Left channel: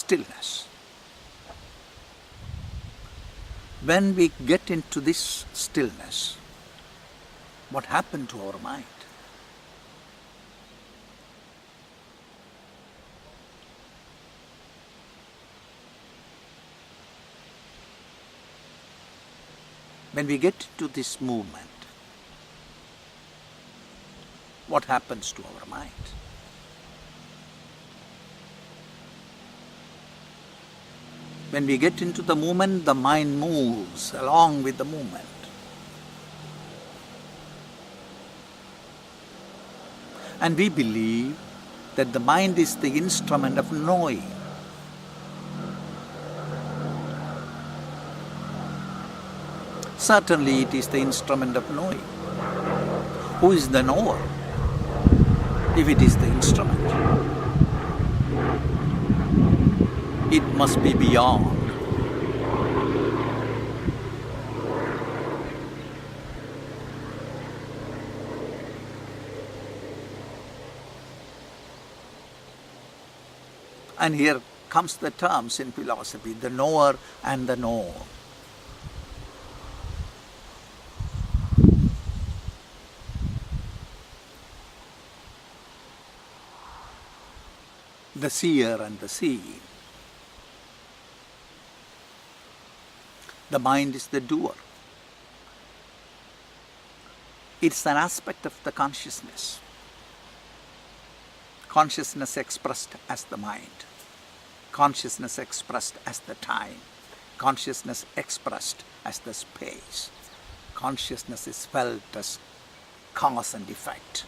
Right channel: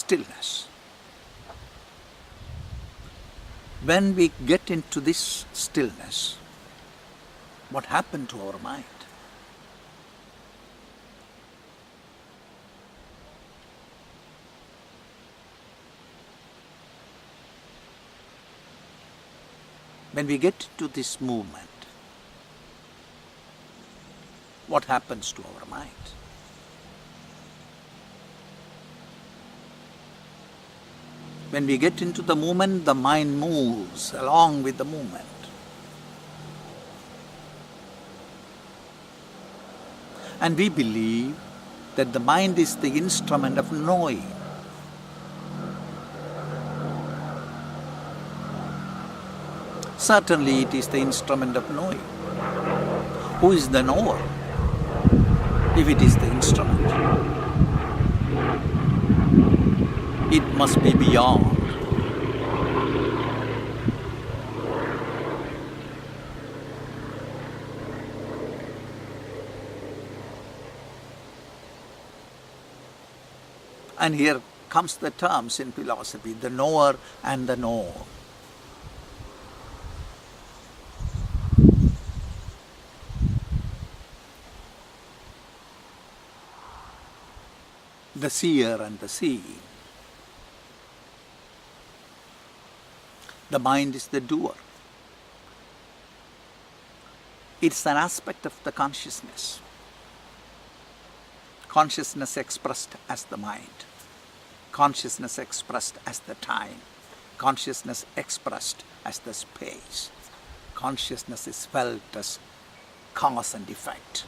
stillness. When we get into this stillness, what happened to our mind? When we get into this movement, what happens to our mind? When we get into the movement, the mind moves along with the movement. And we believe that the mind is the instrument of knowing. Certainly it is the instrument of knowing. Who is the knower if it is the instrument? It must be beyond. And here comes the terms in philosophy, the knower and the known. The seer and the seen. The mind is the doer. It's an aspect of the consciousness. Consciousness expressed as the mind. Consciousness expressed as the time. Consciousness expressed as the space. Consciousness is felt as cause and effect.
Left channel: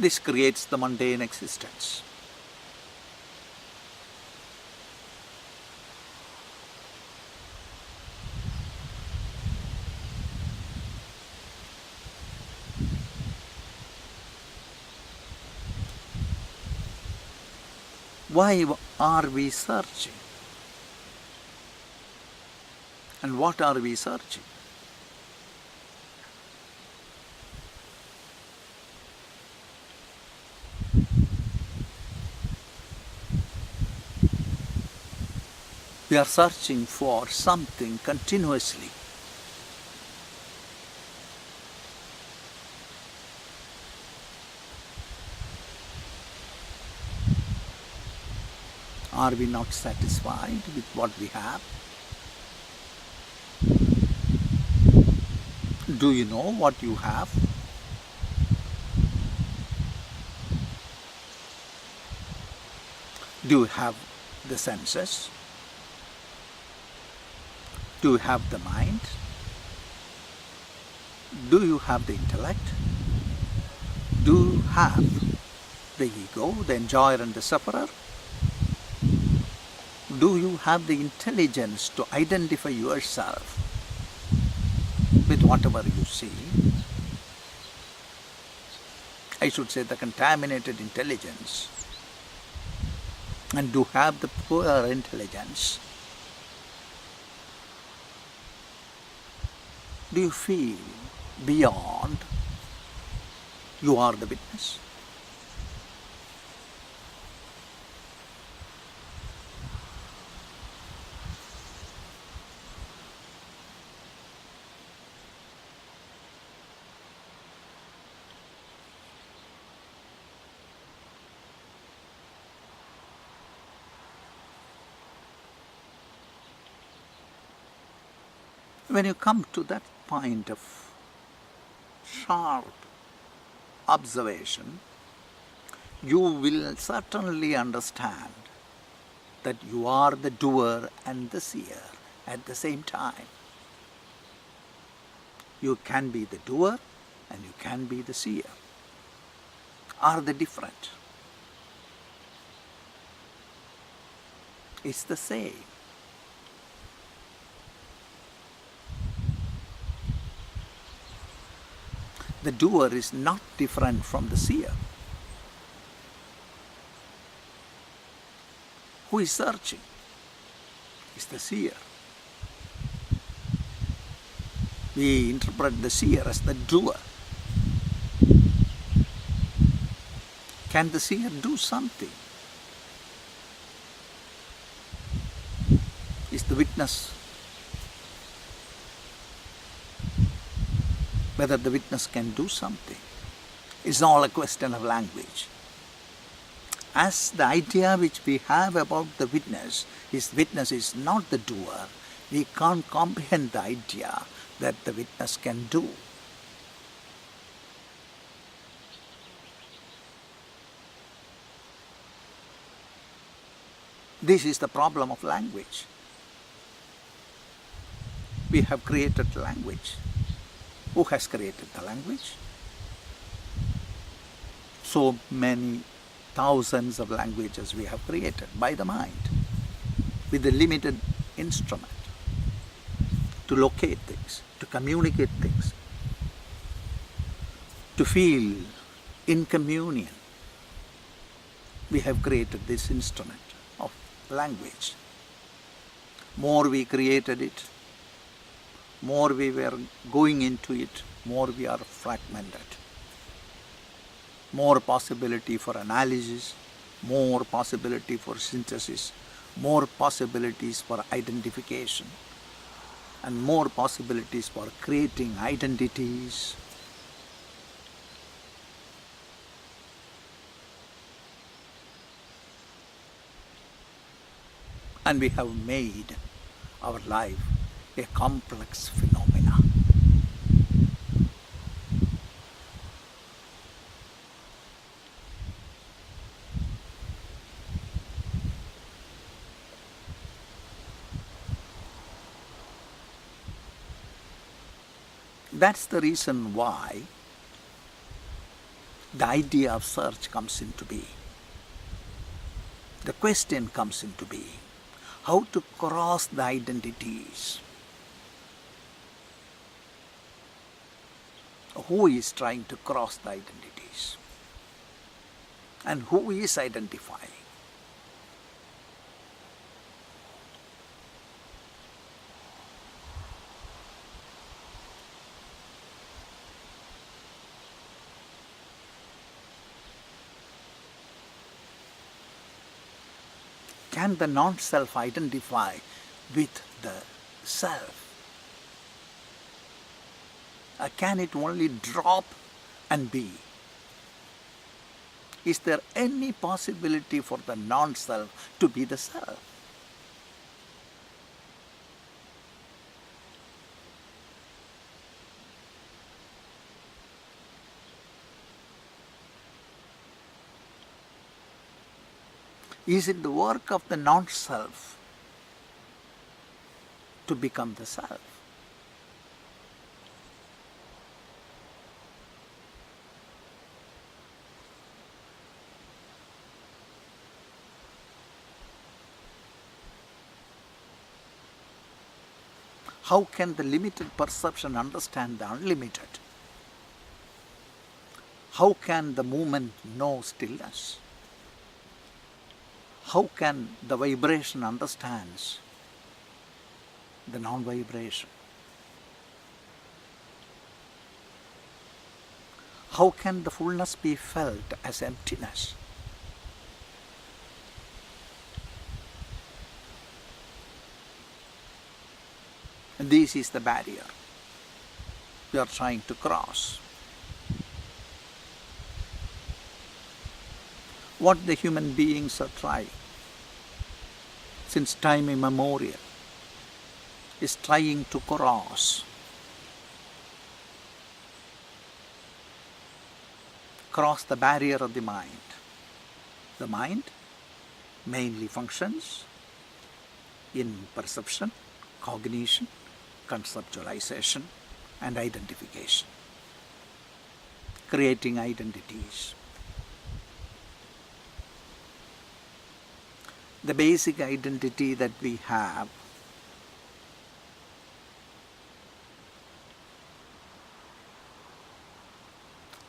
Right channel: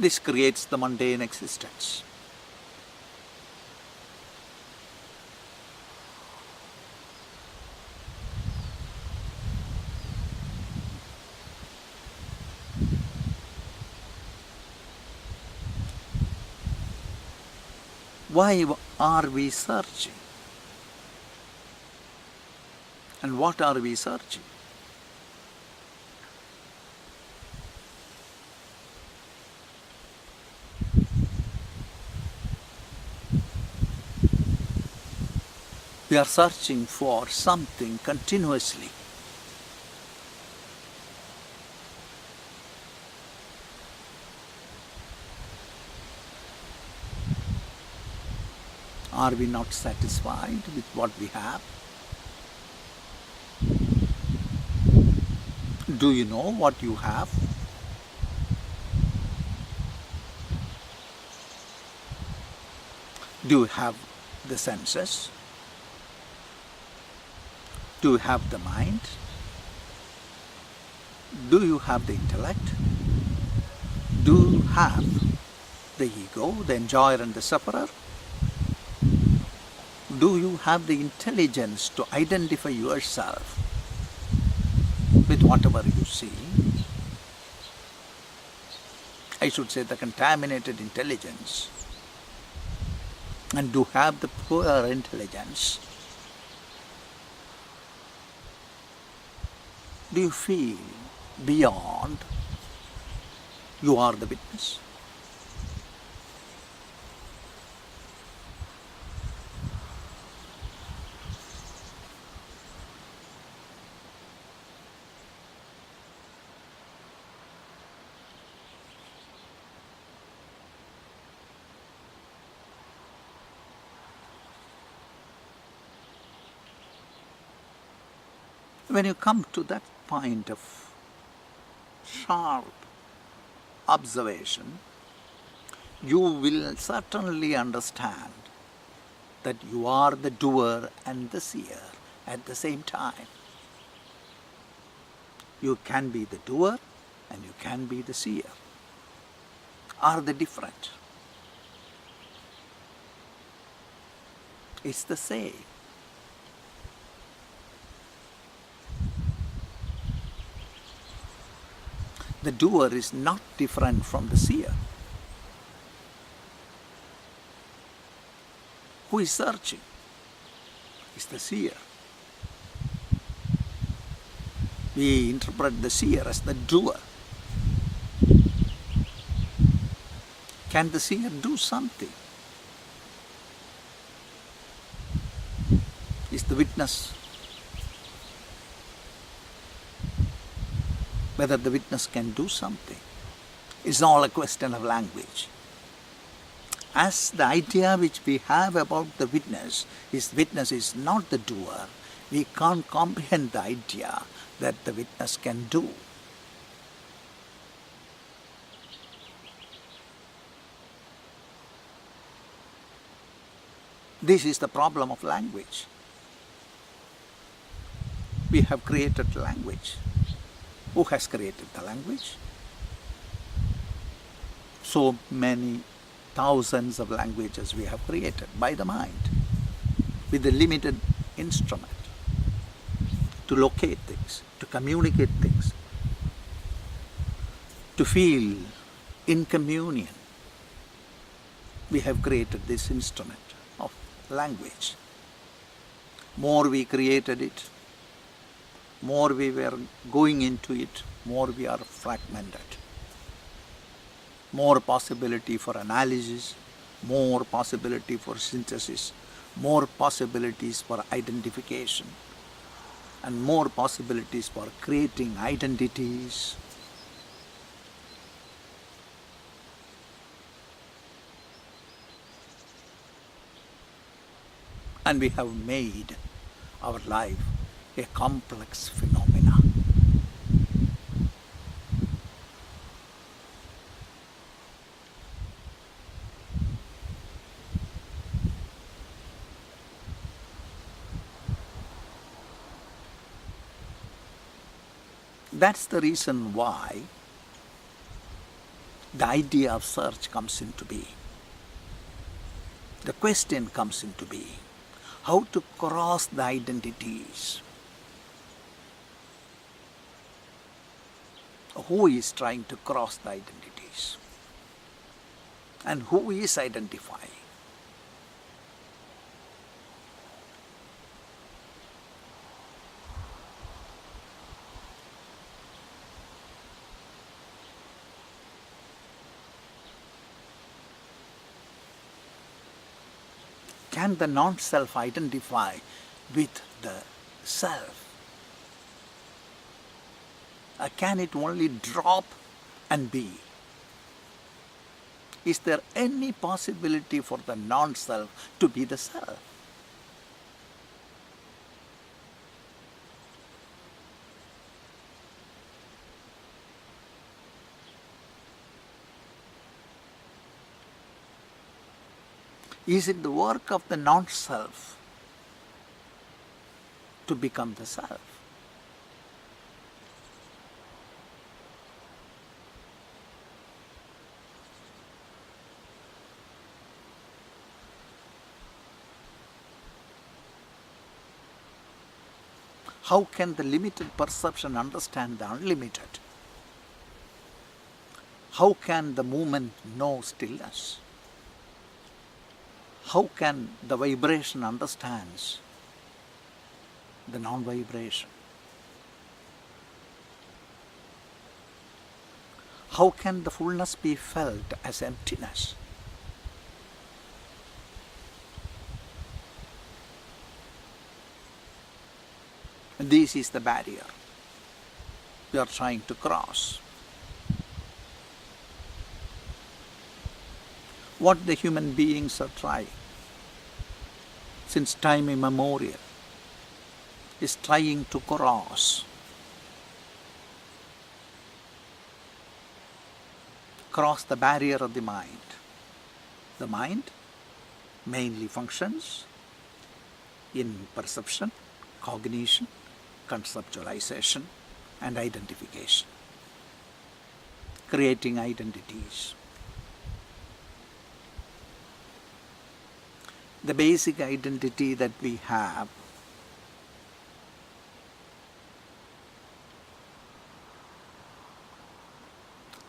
This creates the mundane existence. Why are we searching? And what are we searching? We are searching for something continuously. Are we not satisfied with what we have? Do you know what you have? Do you have the senses? Do you have the mind? Do you have the intellect? Do you have the ego, the enjoyer and the sufferer? Do you have the intelligence to identify yourself with whatever you see? I should say the contaminated intelligence. And do you have the pure intelligence? Do you feel beyond you are the witness? When you come to that point of sharp observation, you will certainly understand that you are the doer and the seer at the same time. You can be the doer and you can be the seer. Are they different? It's the same. The doer is not different from the seer. Who is searching? Is the seer. We interpret the seer as the doer. Can the seer do something? Is the witness, whether the witness can do something? It's all a question of language. As the idea which we have about the witness is not the doer, we can't comprehend the idea that the witness can do. This is the problem of language. We have created language. Who has created the language? So many thousands of languages we have created by the mind with a limited instrument to locate things, to communicate things, to feel in communion. We have created this instrument of language. More we created it, more we were going into it, more we are fragmented. More possibility for analysis, more possibility for synthesis, more possibilities for identification, and more possibilities for creating identities. And we have made our life a complex phenomena. That's the reason why the idea of search comes into being. The question comes into being. How to cross the identities. Who is trying to cross the identities? And who is identifying? Can the non-self identify with the self? Or can it only drop and be? Is there any possibility for the non-self to be the self? Is it the work of the non-self to become the self? How can the limited perception understand the unlimited? How can the movement know stillness? How can the vibration understand the non-vibration? How can the fullness be felt as emptiness? And this is the barrier we are trying to cross. What the human beings are trying since time immemorial is trying to cross the barrier of the mind. The mind mainly functions in perception, cognition, conceptualization, and identification, creating identities. The basic identity that we have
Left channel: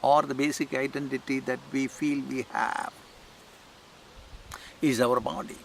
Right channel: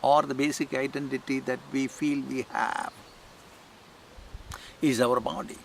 or the basic identity that we feel we have is our body.